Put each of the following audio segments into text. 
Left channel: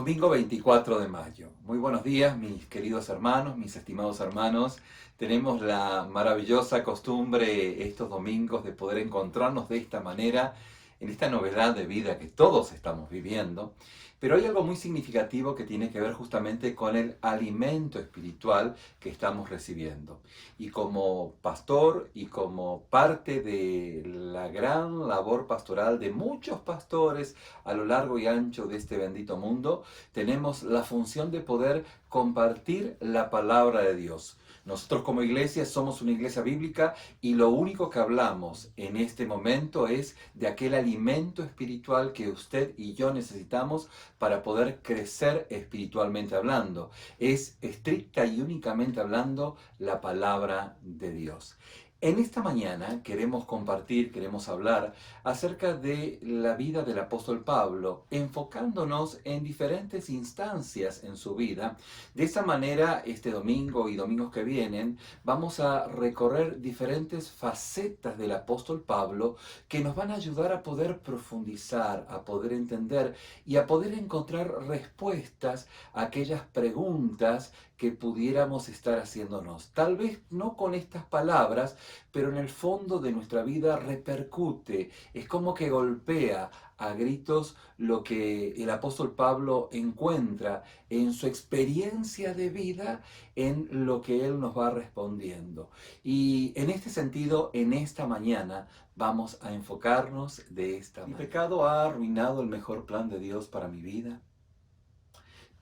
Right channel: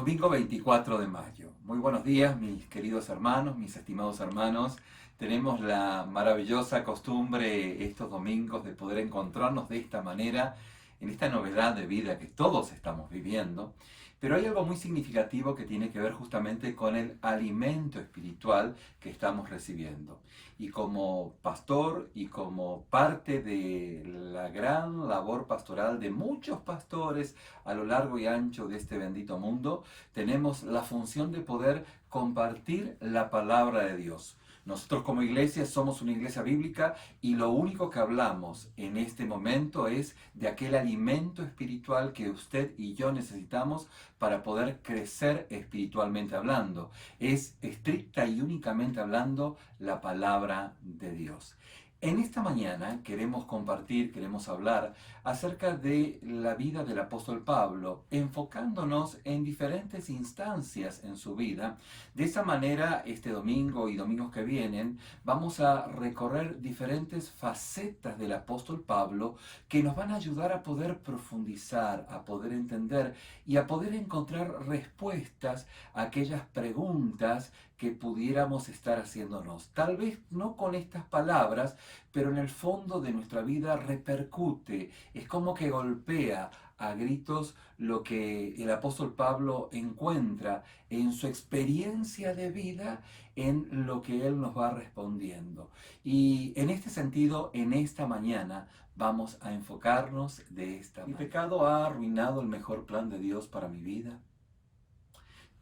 Domingo 24 de mayo. Muy buenos días, mis queridos hermanos, mis estimados hermanos. Tenemos la maravillosa costumbre estos domingos de poder encontrarnos de esta manera, en esta novedad de vida que todos estamos viviendo. Pero hay algo muy significativo que tiene que ver justamente con el alimento espiritual que estamos recibiendo. Y como pastor y como parte de la gran labor pastoral de muchos pastores a lo largo y ancho de este bendito mundo, tenemos la función de poder compartir la palabra de Dios. Nosotros como iglesia somos una iglesia bíblica y lo único que hablamos en este momento es de aquel alimento espiritual que usted y yo necesitamos para poder crecer espiritualmente hablando. Es estricta y únicamente hablando la palabra de Dios. En esta mañana queremos compartir, queremos hablar acerca de la vida del apóstol Pablo, enfocándonos en diferentes instancias en su vida. De esa manera, este domingo y domingos que vienen, vamos a recorrer diferentes facetas del apóstol Pablo que nos van a ayudar a poder profundizar, a poder entender y a poder encontrar respuestas a aquellas preguntas que pudiéramos estar haciéndonos. Tal vez no con estas palabras, pero en el fondo de nuestra vida repercute. Es como que golpea a gritos lo que el apóstol Pablo encuentra en su experiencia de vida, en lo que él nos va respondiendo. Y en este sentido, en esta mañana, vamos a enfocarnos de esta manera. ¿Mi pecado ha arruinado el mejor plan de Dios para mi vida?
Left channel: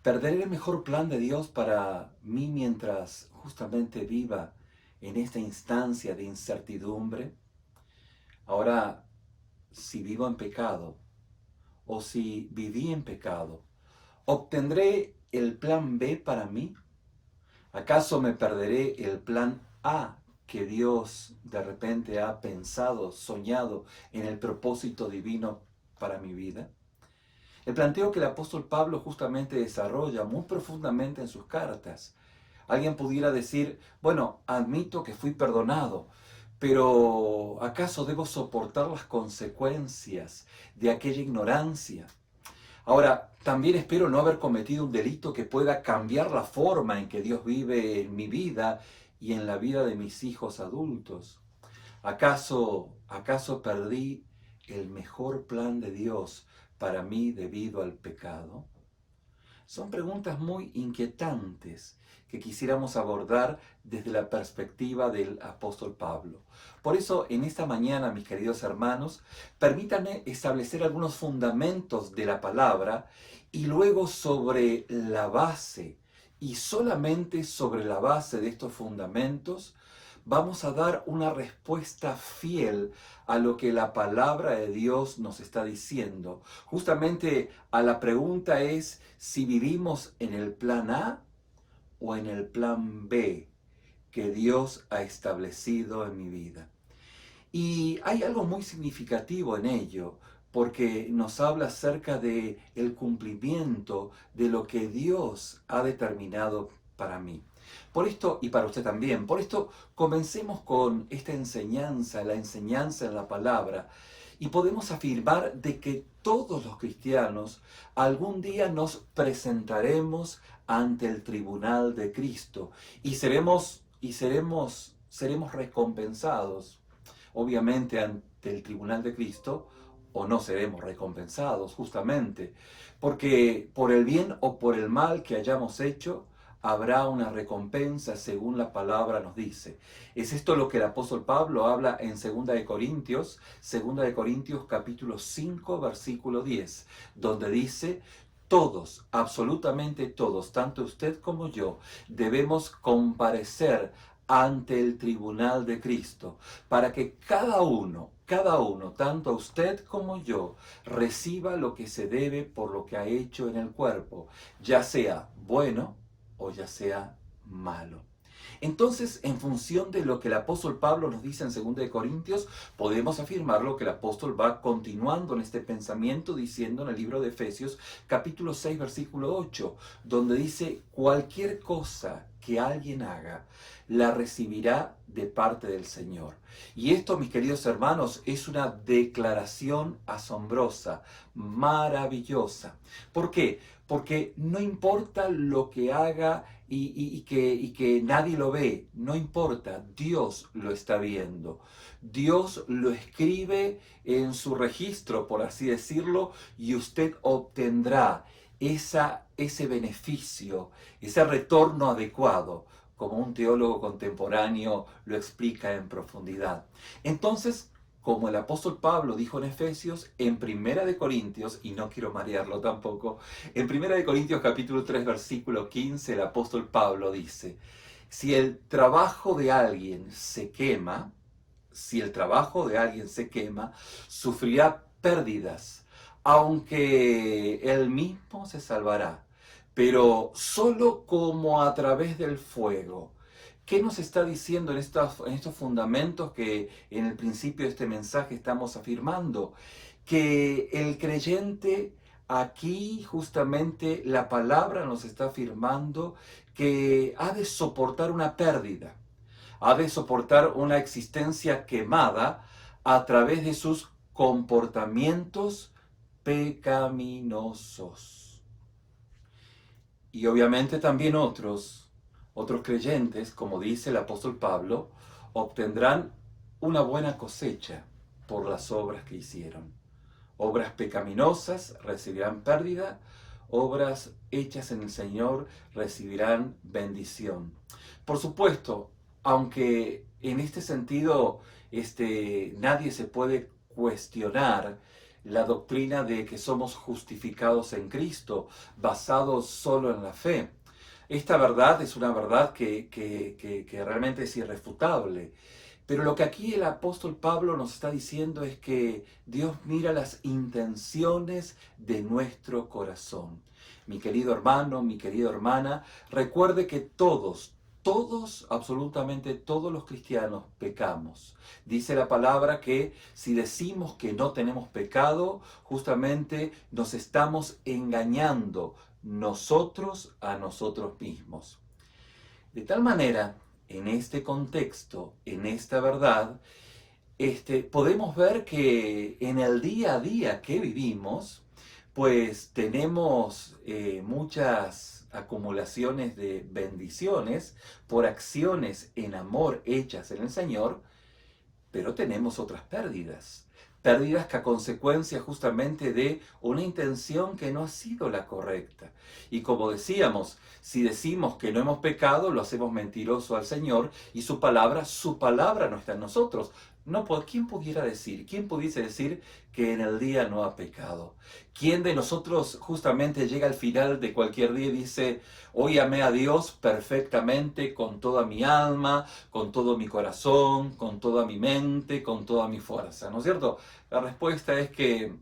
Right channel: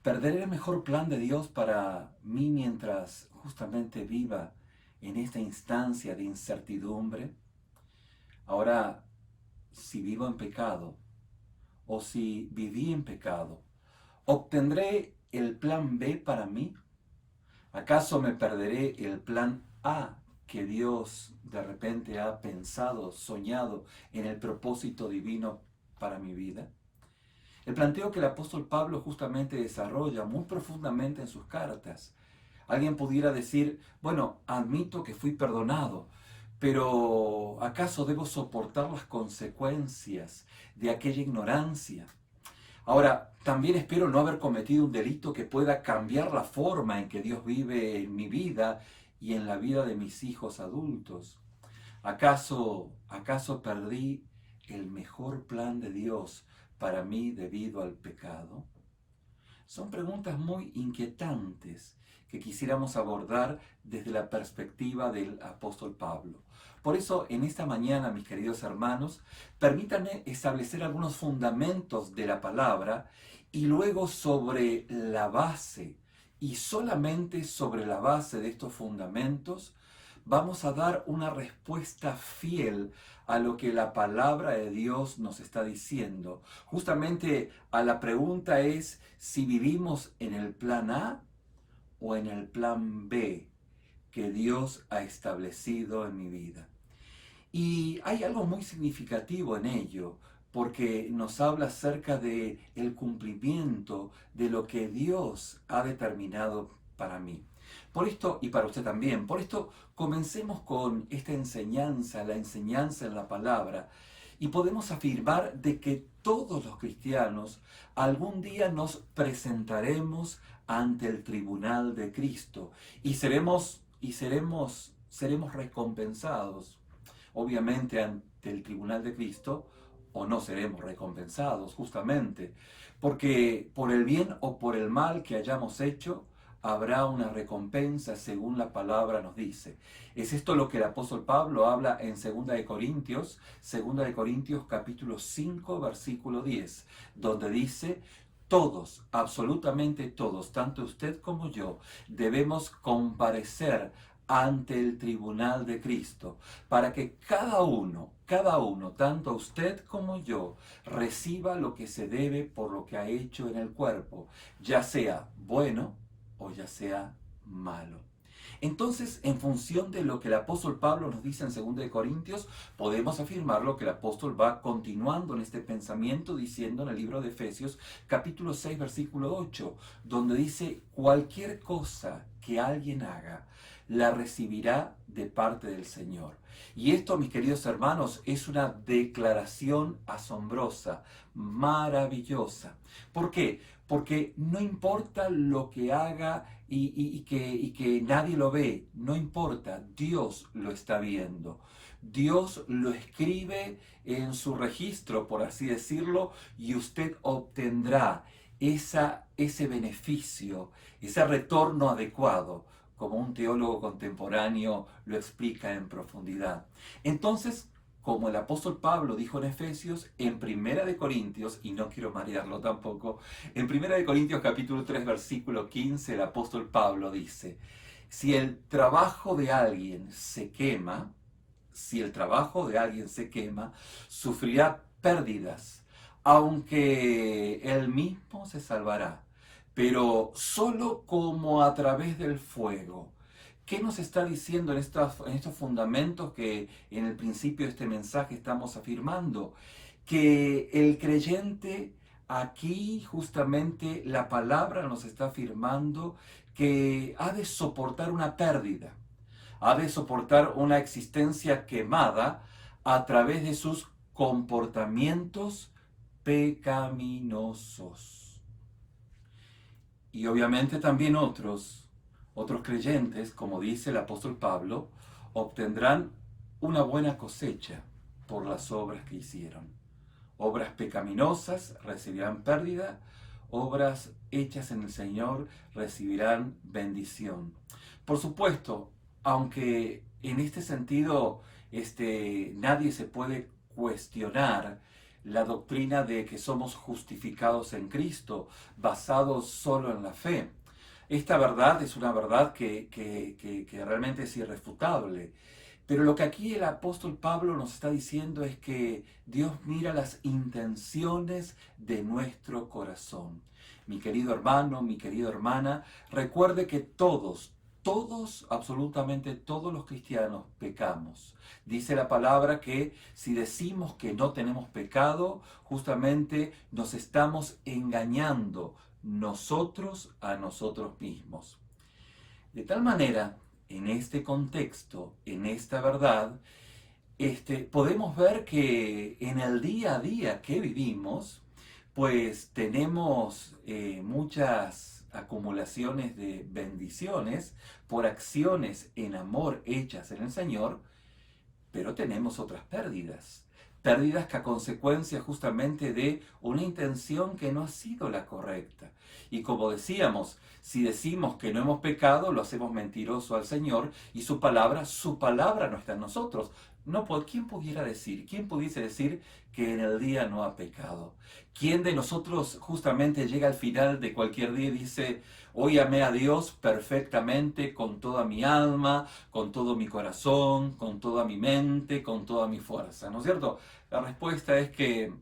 ¿Perderé el mejor plan de Dios para mí mientras justamente viva en esta instancia de incertidumbre? Ahora, si vivo en pecado o si viví en pecado, ¿obtendré el plan B para mí? ¿Acaso me perderé el plan A que Dios de repente ha pensado, soñado en el propósito divino para mi vida? El planteo que el apóstol Pablo justamente desarrolla muy profundamente en sus cartas. Alguien pudiera decir, bueno, admito que fui perdonado, pero ¿acaso debo soportar las consecuencias de aquella ignorancia? Ahora, también espero no haber cometido un delito que pueda cambiar la forma en que Dios vive en mi vida y en la vida de mis hijos adultos. ¿Acaso perdí el mejor plan de Dios para mí debido al pecado? Son preguntas muy inquietantes que quisiéramos abordar desde la perspectiva del apóstol Pablo. Por eso, en esta mañana, mis queridos hermanos, permítanme establecer algunos fundamentos de la palabra y luego sobre la base, y solamente sobre la base de estos fundamentos, vamos a dar una respuesta fiel a lo que la palabra de Dios nos está diciendo. Justamente a la pregunta es si vivimos en el plan A o en el plan B que Dios ha establecido en mi vida. Y hay algo muy significativo en ello, porque nos habla acerca de el cumplimiento de lo que Dios ha determinado para mí. Por esto, y para usted también, por esto comencemos con esta enseñanza, la enseñanza en la palabra, y podemos afirmar de que todos los cristianos algún día nos presentaremos ante el tribunal de Cristo y seremos recompensados obviamente ante el tribunal de Cristo, o no seremos recompensados justamente, porque por el bien o por el mal que hayamos hecho, habrá una recompensa según la palabra nos dice. Es esto lo que el apóstol Pablo habla en 2 de Corintios capítulo 5, versículo 10, donde dice: todos, absolutamente todos, tanto usted como yo, debemos comparecer ante el tribunal de Cristo, para que cada uno, tanto usted como yo, reciba lo que se debe por lo que ha hecho en el cuerpo, ya sea bueno o ya sea malo. Entonces, en función de lo que el apóstol Pablo nos dice en 2 de Corintios, podemos afirmar lo que el apóstol va continuando en este pensamiento diciendo en el libro de Efesios, capítulo 6, versículo 8, donde dice: cualquier cosa que alguien haga, la recibirá de parte del Señor. Y esto, mis queridos hermanos, es una declaración asombrosa, maravillosa. ¿Por qué? porque no importa lo que haga y que nadie lo ve, no importa, Dios lo está viendo. Dios lo escribe en su registro, por así decirlo, y usted obtendrá ese beneficio, ese retorno adecuado, como un teólogo contemporáneo lo explica en profundidad. Entonces, como el apóstol Pablo dijo en Efesios, en Primera de Corintios, y no quiero marearlo tampoco, en Primera de Corintios capítulo 3 versículo 15, el apóstol Pablo dice, si el trabajo de alguien se quema, si el trabajo de alguien se quema, sufrirá pérdidas, aunque él mismo se salvará, pero solo como a través del fuego. ¿Qué nos está diciendo en estos fundamentos que en el principio de este mensaje estamos afirmando? Que el creyente, aquí justamente la palabra nos está afirmando que ha de soportar una pérdida, ha de soportar una existencia quemada a través de sus comportamientos pecaminosos. Y obviamente también otros creyentes, como dice el apóstol Pablo, obtendrán una buena cosecha por las obras que hicieron. Obras pecaminosas recibirán pérdida, obras hechas en el Señor recibirán bendición. Por supuesto, aunque en este sentido nadie se puede cuestionar la doctrina de que somos justificados en Cristo, basados solo en la fe. Esta verdad es una verdad que realmente es irrefutable. Pero lo que aquí el apóstol Pablo nos está diciendo es que Dios mira las intenciones de nuestro corazón. Mi querido hermano, mi querida hermana, recuerde que todos, absolutamente todos los cristianos pecamos. Dice la palabra que si decimos que no tenemos pecado, justamente nos estamos engañando nosotros a nosotros mismos. De tal manera, en este contexto, en esta verdad, podemos ver que en el día a día que vivimos, pues tenemos muchas acumulaciones de bendiciones por acciones en amor hechas en el Señor, pero tenemos otras pérdidas. Pérdidas que a consecuencia justamente de una intención que no ha sido la correcta. Y como decíamos, si decimos que no hemos pecado, lo hacemos mentiroso al Señor y su palabra no está en nosotros. No, ¿quién pudiera decir? ¿Quién pudiese decir que en el día no ha pecado? ¿Quién de nosotros justamente llega al final de cualquier día y dice, hoy amé a Dios perfectamente con toda mi alma, con todo mi corazón, con toda mi mente, con toda mi fuerza? ¿No es cierto? La respuesta es que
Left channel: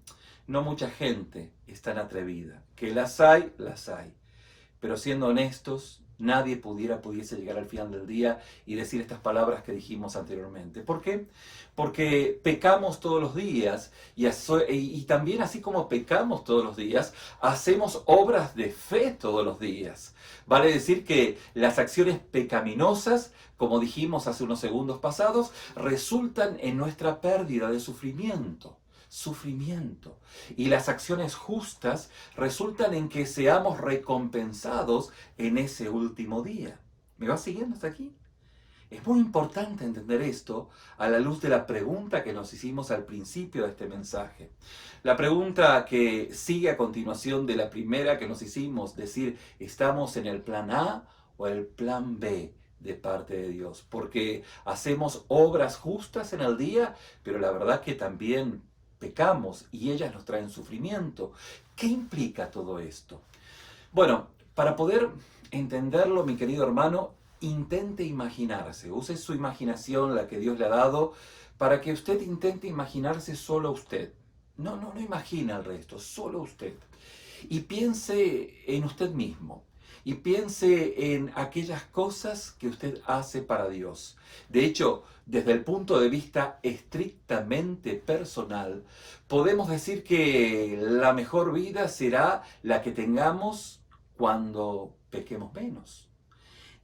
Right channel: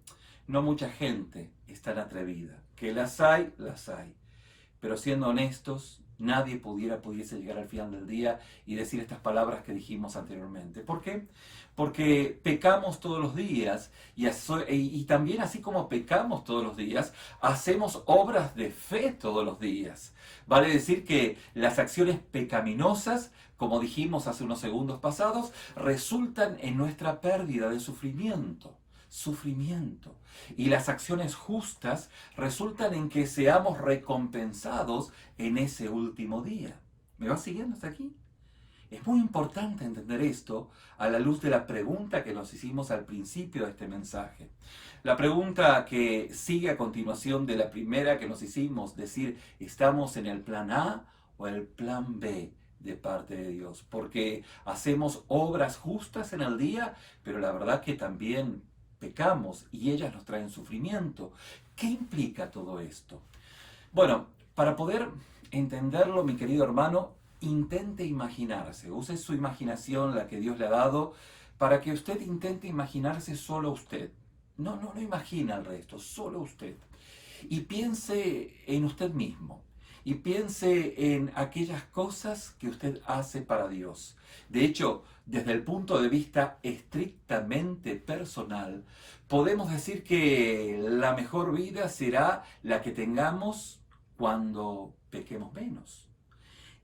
no mucha gente es tan atrevida. Que las hay, las hay. Pero siendo honestos, nadie pudiese llegar al final del día y decir estas palabras que dijimos anteriormente. ¿Por qué? Porque pecamos todos los días y también así como pecamos todos los días, hacemos obras de fe todos los días. Vale decir que las acciones pecaminosas, como dijimos hace unos segundos pasados, resultan en nuestra pérdida de sufrimiento. Y las acciones justas resultan en que seamos recompensados en ese último día. ¿Me va siguiendo hasta aquí? Es muy importante entender esto a la luz de la pregunta que nos hicimos al principio de este mensaje. La pregunta que sigue a continuación de la primera que nos hicimos, decir, ¿estamos en el plan A o el plan B de parte de Dios? Porque hacemos obras justas en el día, pero la verdad que también pecamos y ellas nos traen sufrimiento. ¿Qué implica todo esto? Bueno, para poder entenderlo, mi querido hermano, intente imaginarse, use su imaginación, la que Dios le ha dado, para que usted intente imaginarse solo usted. No imagina al resto, solo usted. Y piense en usted mismo. Y piense en aquellas cosas que usted hace para Dios. De hecho, desde el punto de vista estrictamente personal, podemos decir que la mejor vida será la que tengamos cuando pequemos menos.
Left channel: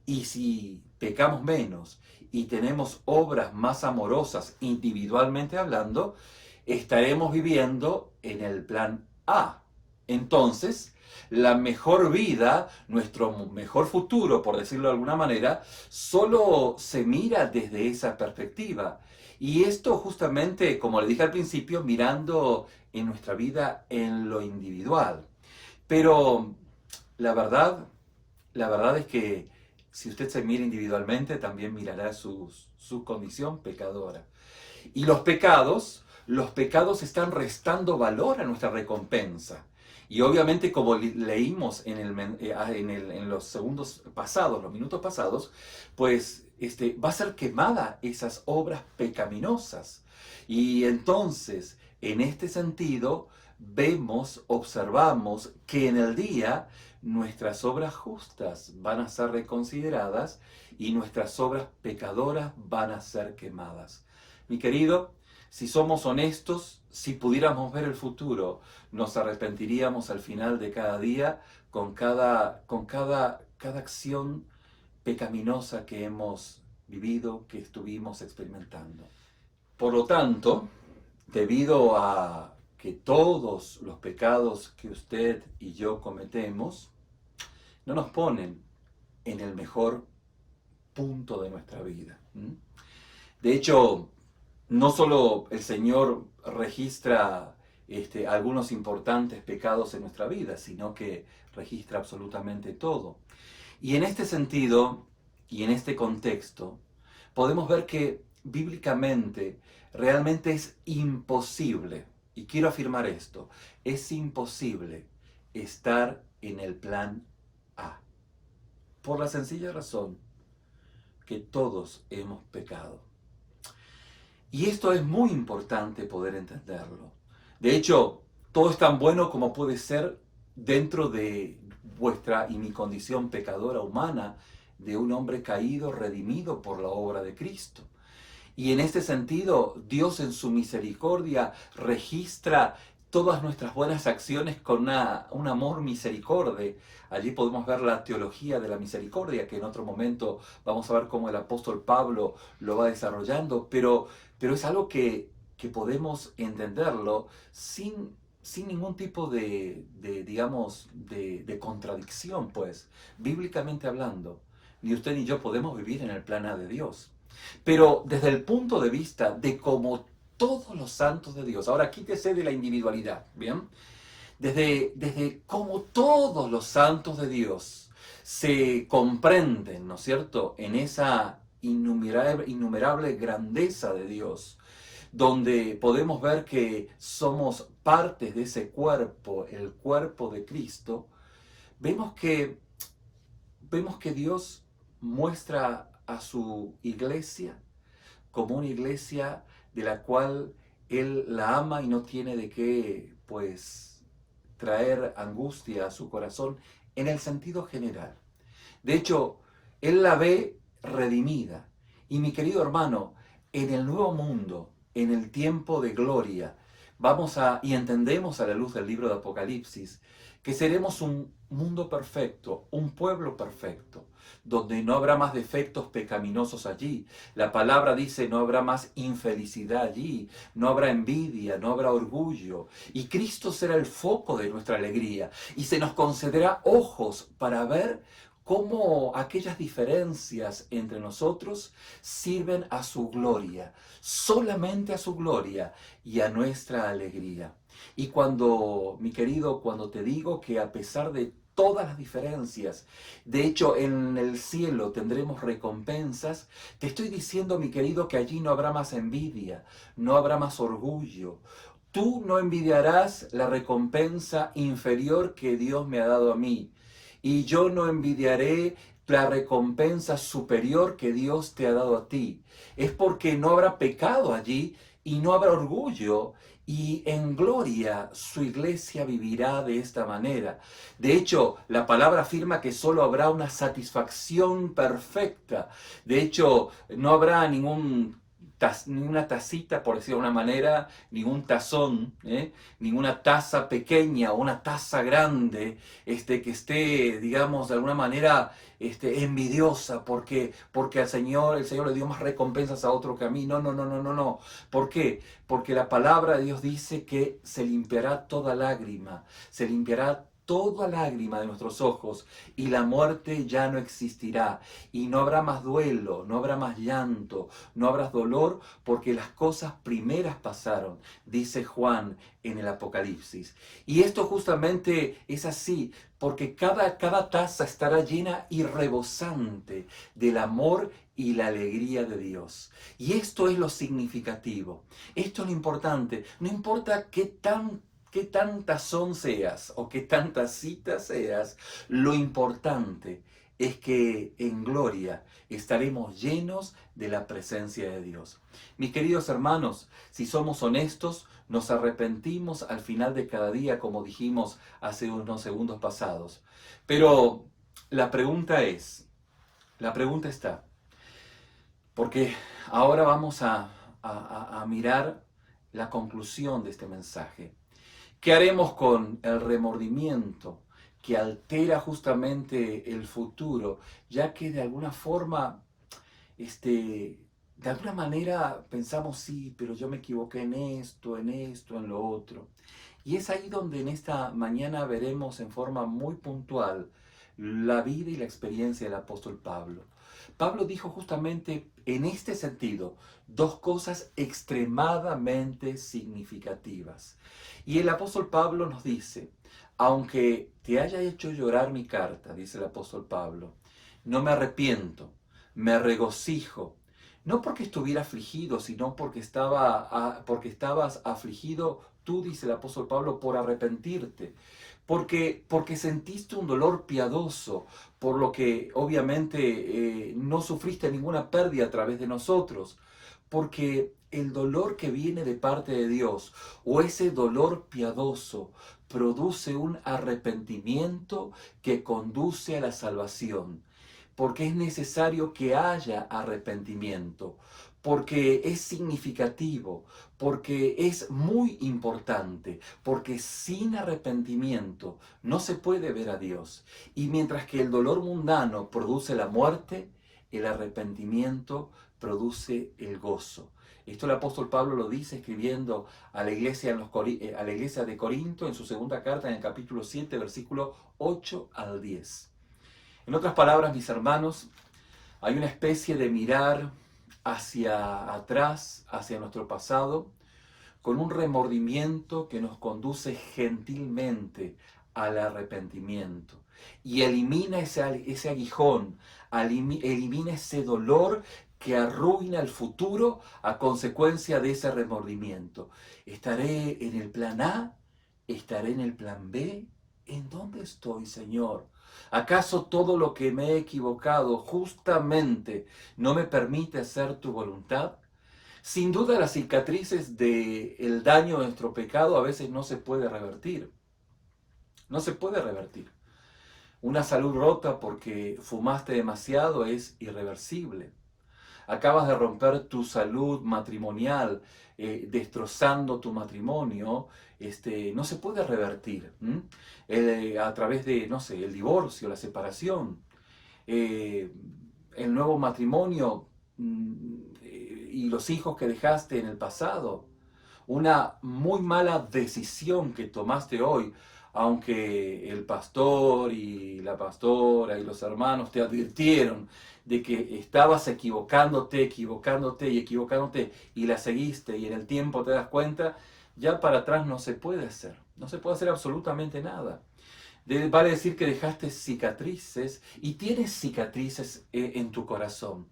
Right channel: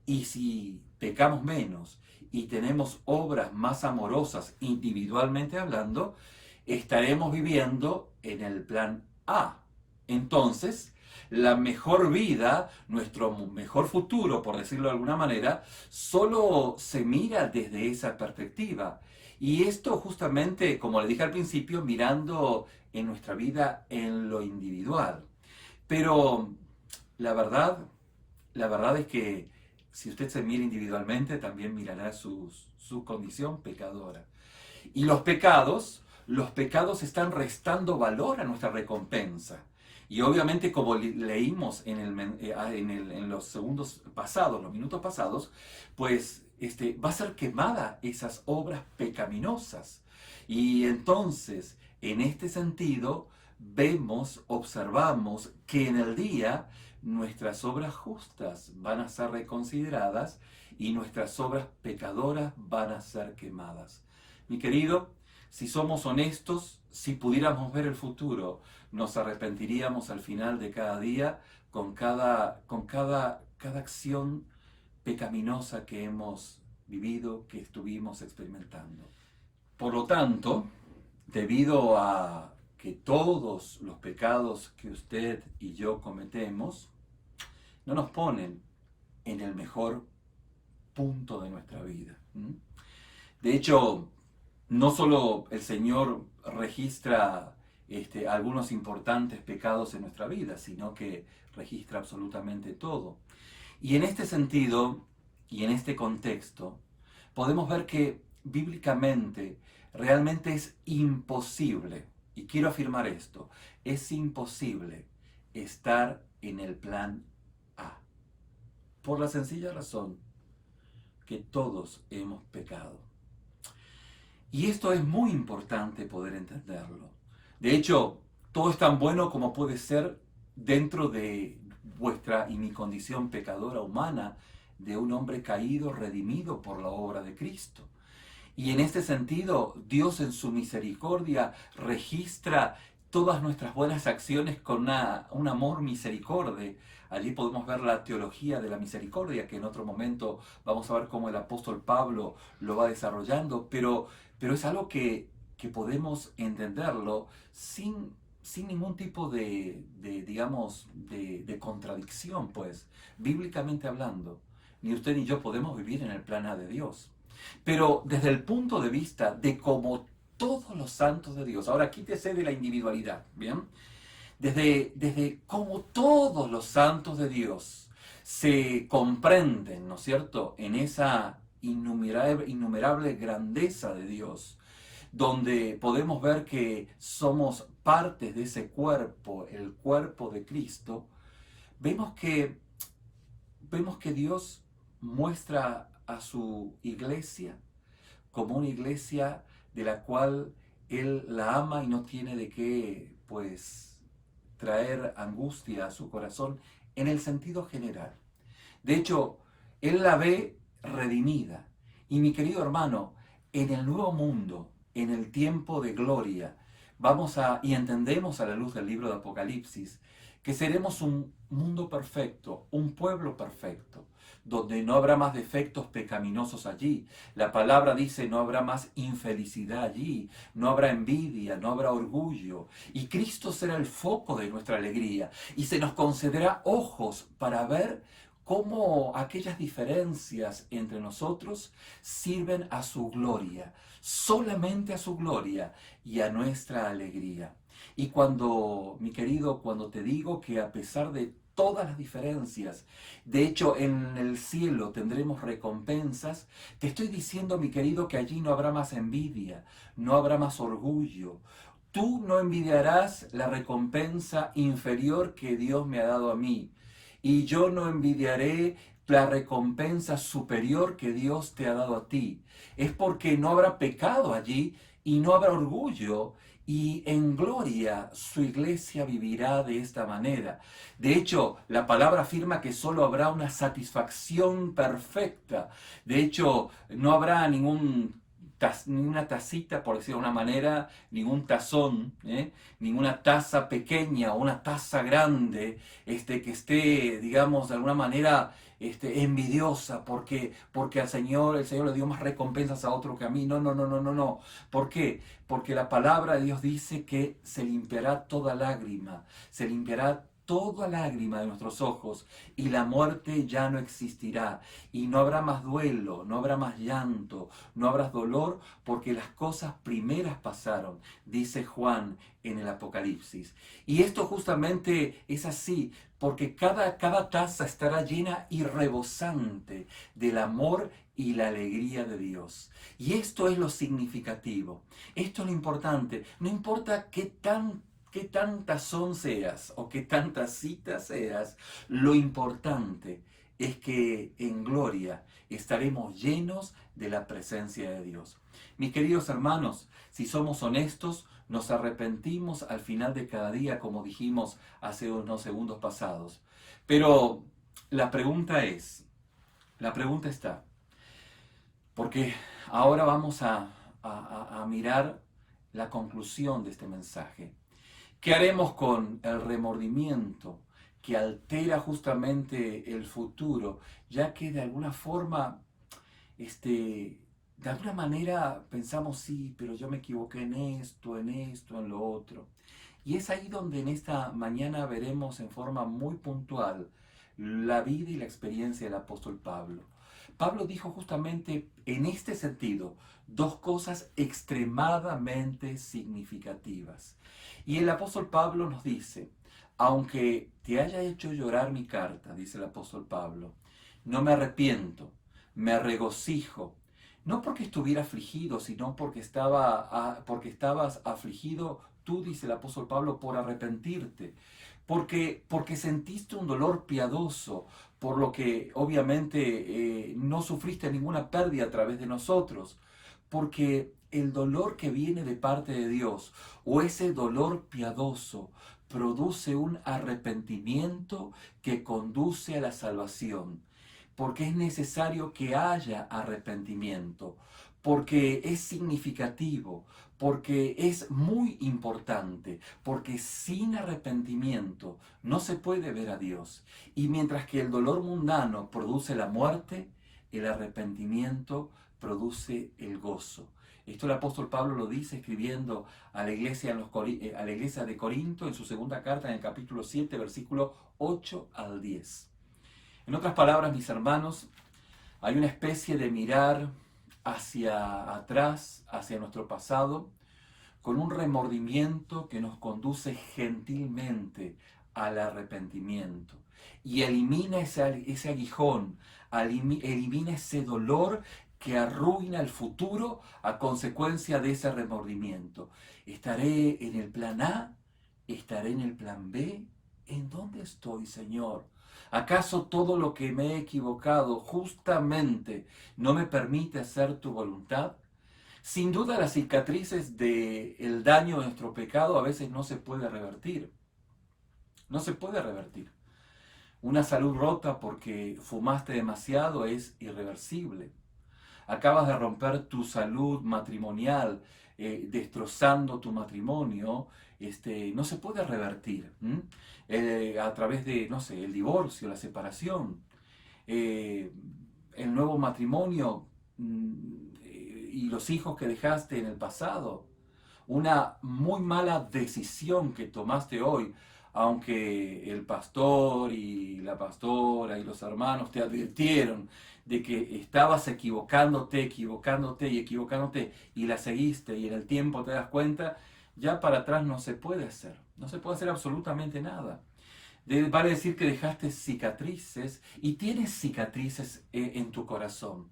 Y si pecamos menos y tenemos obras más amorosas individualmente hablando, estaremos viviendo en el plan A. Entonces, La mejor vida, nuestro mejor futuro, por decirlo de alguna manera, solo se mira desde esa perspectiva. Y esto justamente, como le dije al principio, mirando en nuestra vida en lo individual. Pero la verdad, la verdad es que si usted se mira individualmente, también mirará su condición pecadora. Y los pecados están restando valor a nuestra recompensa. Y obviamente, como leímos en los segundos pasados, los minutos pasados, pues va a ser quemada esas obras pecaminosas. Y entonces, en este sentido, observamos que en el día nuestras obras justas van a ser reconsideradas y nuestras obras pecadoras van a ser quemadas. Mi querido, si somos honestos, si pudiéramos ver el futuro, nos arrepentiríamos al final de cada día cada acción pecaminosa que hemos vivido, que estuvimos experimentando. Por lo tanto, debido a que todos los pecados que usted y yo cometemos no nos ponen en el mejor punto de nuestra vida. De hecho, no solo el Señor registra algunos importantes pecados en nuestra vida, sino que registra absolutamente todo. Y en este sentido, y en este contexto, podemos ver que bíblicamente realmente es imposible, y quiero afirmar esto, es imposible estar en el plan A, por la sencilla razón que todos hemos pecado. Y esto es muy importante poder entenderlo. De hecho, todo es tan bueno como puede ser dentro de vuestra y mi condición pecadora humana, de un hombre caído, redimido por la obra de Cristo. Y en este sentido, Dios en su misericordia registra todas nuestras buenas acciones con un amor misericorde. Allí podemos ver la teología de la misericordia, que en otro momento vamos a ver cómo el apóstol Pablo lo va desarrollando, pero es algo que podemos entenderlo sin ningún tipo digamos, de contradicción, pues, bíblicamente hablando. Ni usted ni yo podemos vivir en el plan A de Dios. Pero desde el punto de vista de como todos los santos de Dios, ahora quítese de la individualidad, ¿bien? Desde cómo todos los santos de Dios se comprenden, ¿no es cierto?, en esa innumerable grandeza de Dios, donde podemos ver que somos partes de ese cuerpo, el cuerpo de Cristo, vemos que Dios muestra a su iglesia como una iglesia de la cual Él la ama y no tiene de qué, pues, traer angustia a su corazón en el sentido general. De hecho, Él la ve redimida. Y mi querido hermano, en el nuevo mundo, en el tiempo de gloria, y entendemos a la luz del libro de Apocalipsis, que seremos un mundo perfecto, un pueblo perfecto, donde no habrá más defectos pecaminosos allí. La palabra dice, no habrá más infelicidad allí, no habrá envidia, no habrá orgullo. Y Cristo será el foco de nuestra alegría y se nos concederá ojos para ver cómo aquellas diferencias entre nosotros sirven a su gloria, solamente a su gloria y a nuestra alegría. Y mi querido, cuando te digo que a pesar de todas las diferencias, de hecho en el cielo tendremos recompensas, te estoy diciendo, mi querido, que allí no habrá más envidia, no habrá más orgullo. Tú no envidiarás la recompensa inferior que Dios me ha dado a mí, y yo no envidiaré la recompensa superior que Dios te ha dado a ti. Es porque no habrá pecado allí y no habrá orgullo, y en gloria su iglesia vivirá de esta manera. De hecho, la palabra afirma que solo habrá una satisfacción perfecta. De hecho, no habrá ninguna tacita, por decirlo de una manera, ningún tazón, ninguna taza pequeña o una taza grande, que esté, digamos, de alguna manera envidiosa porque el Señor le dio más recompensas a otro que a mí. No, no, no, no, no, no. ¿Por qué? Porque la palabra de Dios dice que se limpiará toda lágrima, se limpiará toda lágrima de nuestros ojos y la muerte ya no existirá y no habrá más duelo, no habrá más llanto, no habrá dolor porque las cosas primeras pasaron, dice Juan en el Apocalipsis. Y esto justamente es así porque cada taza estará llena y rebosante del amor y la alegría de Dios. Y esto es lo significativo, esto es lo importante, no importa qué tan tazón seas o qué tanta cita seas, lo importante es que en gloria estaremos llenos de la presencia de Dios. Mis queridos hermanos, si somos honestos, nos arrepentimos al final de cada día, como dijimos hace unos segundos pasados. Pero la pregunta está, porque ahora vamos a mirar la conclusión de este mensaje. ¿Qué haremos con el remordimiento que altera justamente el futuro, ya que de alguna forma, de alguna manera pensamos, sí, pero yo me equivoqué en lo otro? Y es ahí donde en esta mañana veremos en forma muy puntual la vida y la experiencia del apóstol Pablo. Pablo dijo justamente en este sentido dos cosas extremadamente significativas. Y el apóstol Pablo nos dice, aunque te haya hecho llorar mi carta, dice el apóstol Pablo, no me arrepiento, me regocijo, no porque estuviera afligido, sino porque estabas afligido tú, dice el apóstol Pablo, por arrepentirte, porque sentiste un dolor piadoso, por lo que obviamente no sufriste ninguna pérdida a través de nosotros, porque el dolor que viene de parte de Dios o ese dolor piadoso produce un arrepentimiento que conduce a la salvación, porque es necesario que haya arrepentimiento, porque es significativo, porque es muy importante, porque sin arrepentimiento no se puede ver a Dios. Y mientras que el dolor mundano produce la muerte, el arrepentimiento produce el gozo. Esto el apóstol Pablo lo dice escribiendo a la iglesia, a la iglesia de Corinto en su segunda carta en el capítulo 7, versículo 8 al 10. En otras palabras, mis hermanos, hay una especie de mirar hacia atrás, hacia nuestro pasado, con un remordimiento que nos conduce gentilmente al arrepentimiento y elimina ese aguijón, elimina ese dolor que arruina el futuro a consecuencia de ese remordimiento. ¿Estaré en el plan A? ¿Estaré en el plan B? ¿En dónde estoy, Señor? ¿Acaso todo lo que me he equivocado justamente no me permite hacer tu voluntad? Sin duda las cicatrices del daño de nuestro pecado a veces no se puede revertir. No se puede revertir. Una salud rota porque fumaste demasiado es irreversible. Acabas de romper tu salud matrimonial, destrozando tu matrimonio, no se puede revertir a través de, no sé, el divorcio, la separación, el nuevo matrimonio y los hijos que dejaste en el pasado. Una muy mala decisión que tomaste hoy, aunque el pastor y la pastora y los hermanos te advirtieron de que estabas equivocándote y la seguiste y en el tiempo te das cuenta, ya para atrás no se puede hacer, no se puede hacer absolutamente nada. Vale decir que dejaste cicatrices y tienes cicatrices en tu corazón.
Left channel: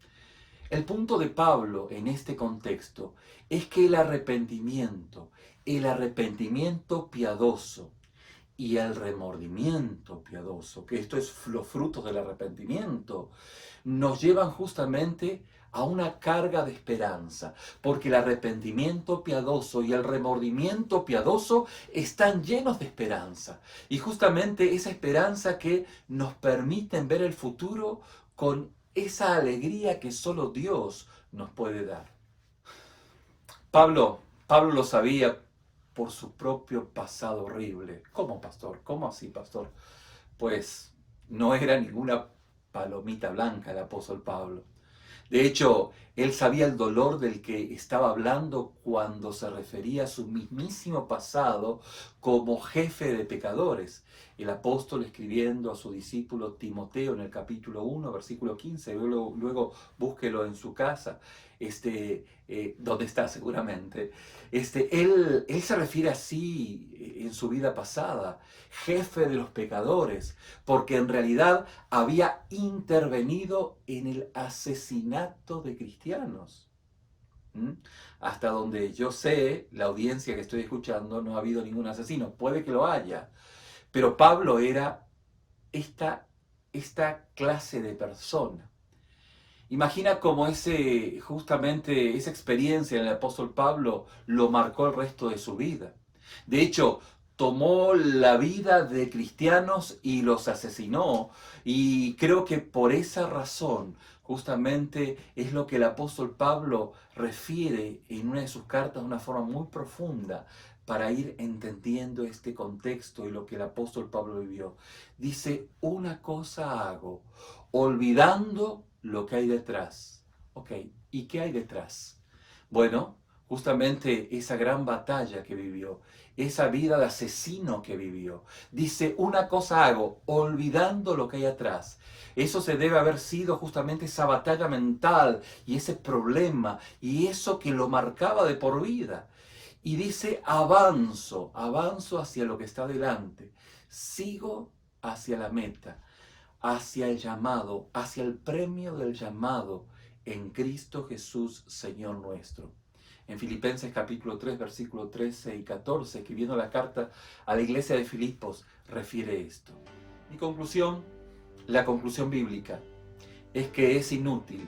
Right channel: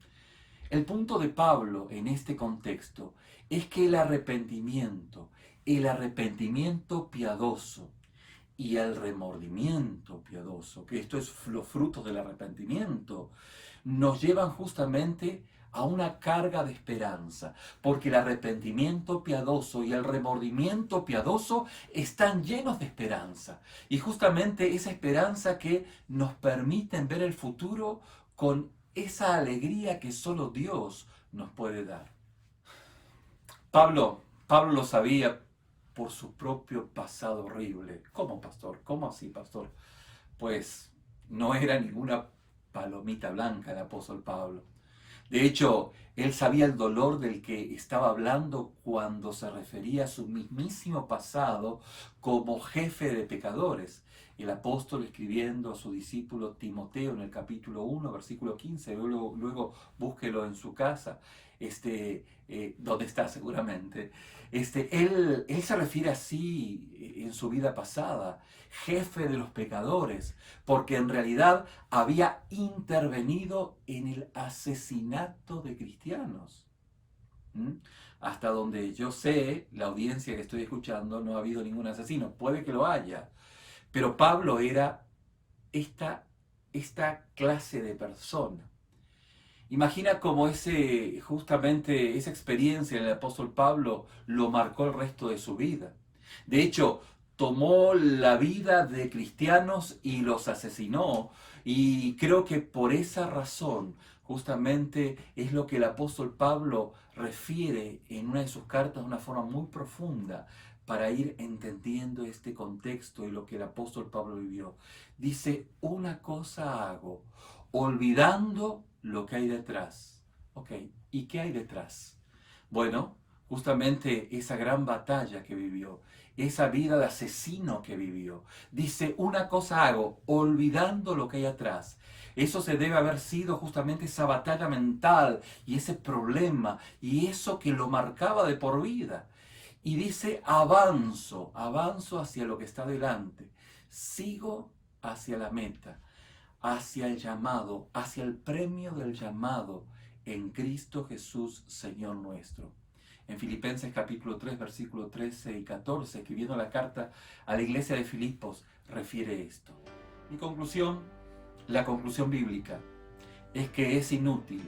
El punto de Pablo en este contexto es que el arrepentimiento piadoso y el remordimiento piadoso, que esto es los frutos del arrepentimiento, nos llevan justamente a una carga de esperanza, porque el arrepentimiento piadoso y el remordimiento piadoso están llenos de esperanza, y justamente esa esperanza que nos permiten ver el futuro con esa alegría que solo Dios nos puede dar. Pablo lo sabía por su propio pasado horrible. ¿Cómo, pastor? ¿Cómo así, pastor? Pues no era ninguna palomita blanca el apóstol Pablo. De hecho, él sabía el dolor del que estaba hablando cuando se refería a su mismísimo pasado como jefe de pecadores. el apóstol escribiendo a su discípulo Timoteo en el capítulo 1, versículo 15, luego búsquelo en su casa, donde está seguramente. Él se refiere así en su vida pasada, jefe de los pecadores, porque en realidad había intervenido en el asesinato de cristianos. ¿Mm? Hasta donde yo sé, la audiencia que estoy escuchando, no ha habido ningún asesino. Puede que lo haya, pero Pablo era esta clase de persona. Imagina cómo justamente esa experiencia en el apóstol Pablo lo marcó el resto de su vida. De hecho, tomó la vida de cristianos y los asesinó. Y creo que por esa razón, justamente es lo que el apóstol Pablo refiere en una de sus cartas de una forma muy profunda para ir entendiendo este contexto y lo que el apóstol Pablo vivió. Dice, una cosa hago, olvidando lo que hay detrás. Ok, ¿y qué hay detrás? Bueno, justamente esa gran batalla que vivió, esa vida de asesino que vivió. Dice, una cosa hago, olvidando lo que hay atrás. Eso se debe haber sido justamente esa batalla mental y ese problema y eso que lo marcaba de por vida. Y dice, avanzo hacia lo que está delante, sigo hacia la meta, hacia el llamado, hacia el premio del llamado en Cristo Jesús, Señor nuestro. En Filipenses capítulo 3, versículo 13 y 14, escribiendo la carta a la iglesia de Filipos, refiere esto. Mi conclusión, la conclusión bíblica, es que es inútil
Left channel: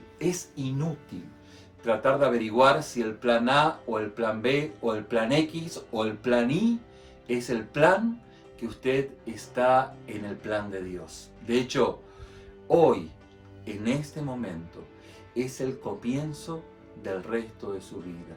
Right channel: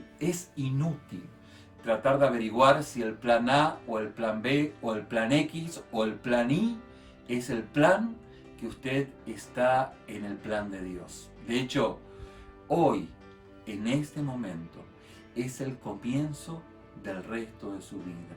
tratar de averiguar si el plan A o el plan B o el plan X o el plan Y es el plan que usted está en el plan de Dios. De hecho, hoy, en este momento, es el comienzo del resto de su vida.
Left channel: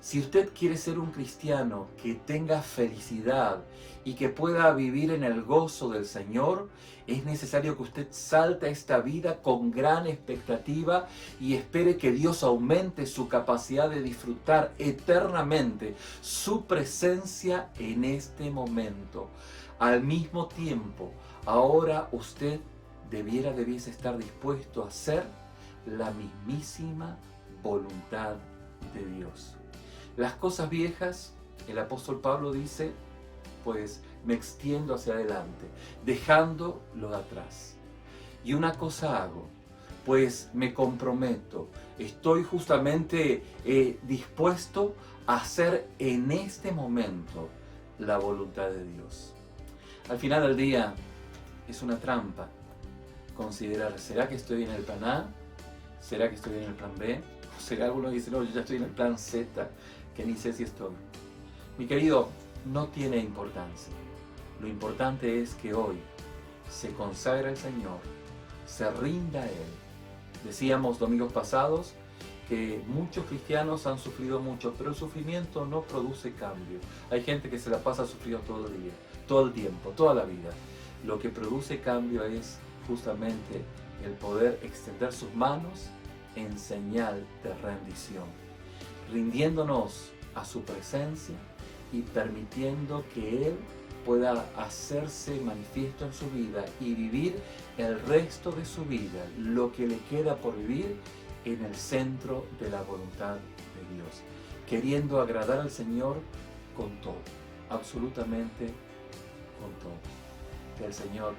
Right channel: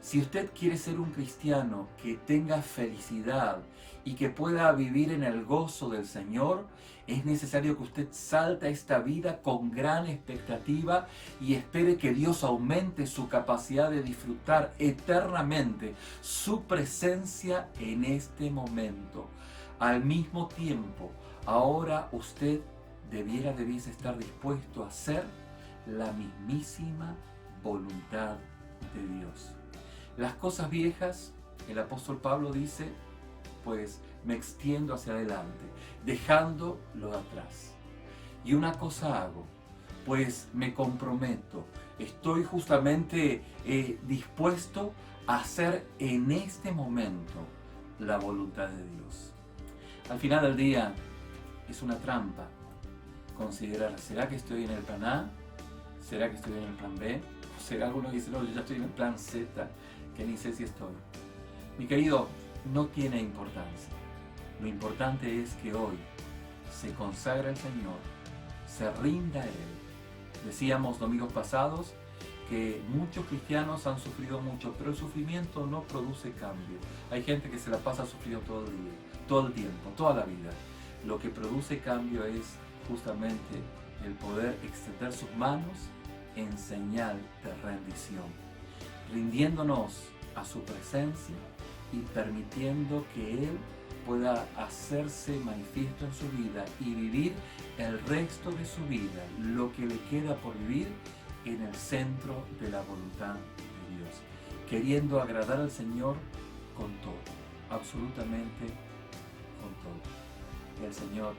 Si usted quiere ser un cristiano que tenga felicidad y que pueda vivir en el gozo del Señor, es necesario que usted salte a esta vida con gran expectativa y espere que Dios aumente su capacidad de disfrutar eternamente su presencia en este momento. Al mismo tiempo, ahora usted debiese estar dispuesto a hacer la mismísima voluntad de Dios. Las cosas viejas, el apóstol Pablo dice, pues me extiendo hacia adelante, dejando lo de atrás. Y una cosa hago, pues me comprometo, estoy justamente dispuesto a hacer en este momento la voluntad de Dios. Al final del día es una trampa considerar, ¿será que estoy en el plan A? ¿Será que estoy en el plan B? ¿O será alguno que dice, no, yo ya estoy en el plan Z, que ni sé si estoy? Mi querido, no tiene importancia. Lo importante es que hoy se consagra al Señor, se rinda a Él. Decíamos domingos pasados que muchos cristianos han sufrido mucho, pero el sufrimiento no produce cambio. Hay gente que se la pasa sufriendo todo el día, todo el tiempo, toda la vida. Lo que produce cambio es justamente el poder extender sus manos en señal de rendición, rindiéndonos a su presencia y permitiendo que Él pueda hacerse manifiesto en su vida y vivir el resto de su vida, lo que le queda por vivir en el centro de la voluntad de Dios, queriendo agradar al Señor con todo, absolutamente con todo. Que el Señor